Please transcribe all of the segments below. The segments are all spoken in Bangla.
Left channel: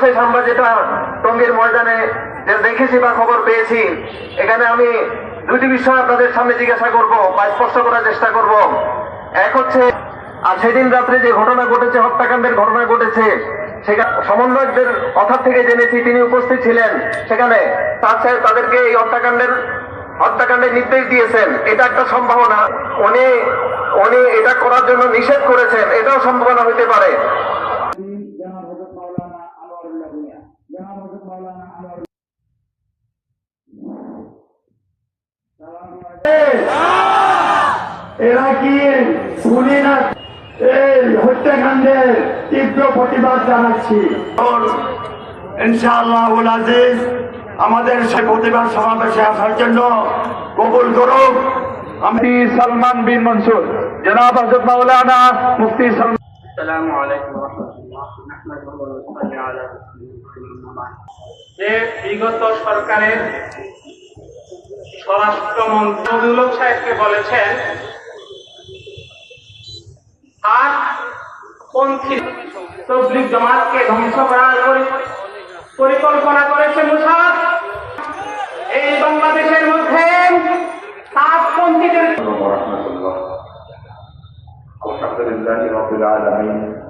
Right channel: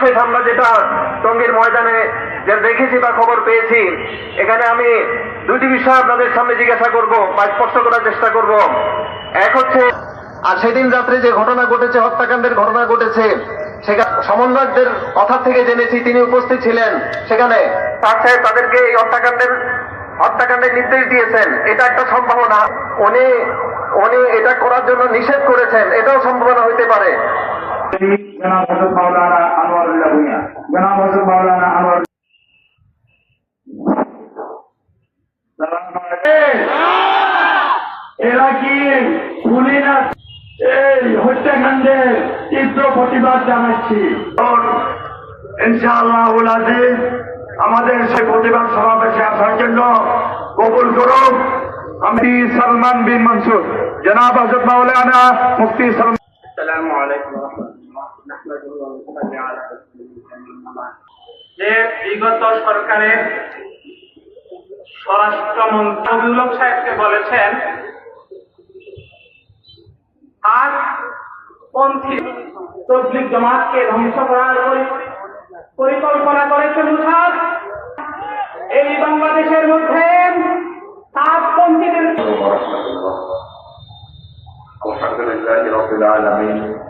সর্বশেষ আমরা যেটা টঙ্গীর ময়দানে যে দেখেছি বা খবর পেয়েছি এখানে আমি দুটি বিষয় আপনাদের সামনে জিজ্ঞাসা করব বা স্পষ্ট করার চেষ্টা করব। এক হচ্ছে আর সেদিন রাত্রে যে ঘটনা ঘটেছে হত্যাকাণ্ডের ঘটনা ঘটেছে সেখানে সমন্বয়কদের কথা থেকে জেনেছি তিনি উপস্থিত ছিলেন সেখানে। তার সাহেব তাদেরকে এই হত্যাকাণ্ডের হত্যাকাণ্ডের নির্দেশ দিয়েছেন। এটা একটা সম্ভাবনা। উনি উনি এটা করার জন্য নিষেধ করেছেন। এটাও সম্ভাবনা হতে পারে। এরা কি শুনি না? এই হত্যাকাণ্ডের তীব্র প্রতিবাদ জানাচ্ছি। ইনশাআল্লাহ আজিজ আমাদের সে প্রতিবাদ সমাবেশে আসার জন্য কবুল করুন আমি সালমান বিন মনসুর। জনাব হজরত মাওলানা মুফতি সালমান আসসালামু আলাইকুম। যে বিগত সরকারের স্বরাষ্ট্রমন্ত্রক সাহেবকে বলেছেন, তার পন্থী তবলিক জমাতকে ধ্বংস করার পরিকল্পনা করেছেন মুসাদ এই বাংলাদেশের মধ্যে তাৎপন্থীদের আলহামদুলিল্লাহ রবিল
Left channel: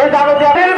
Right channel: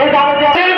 এই দাবিতে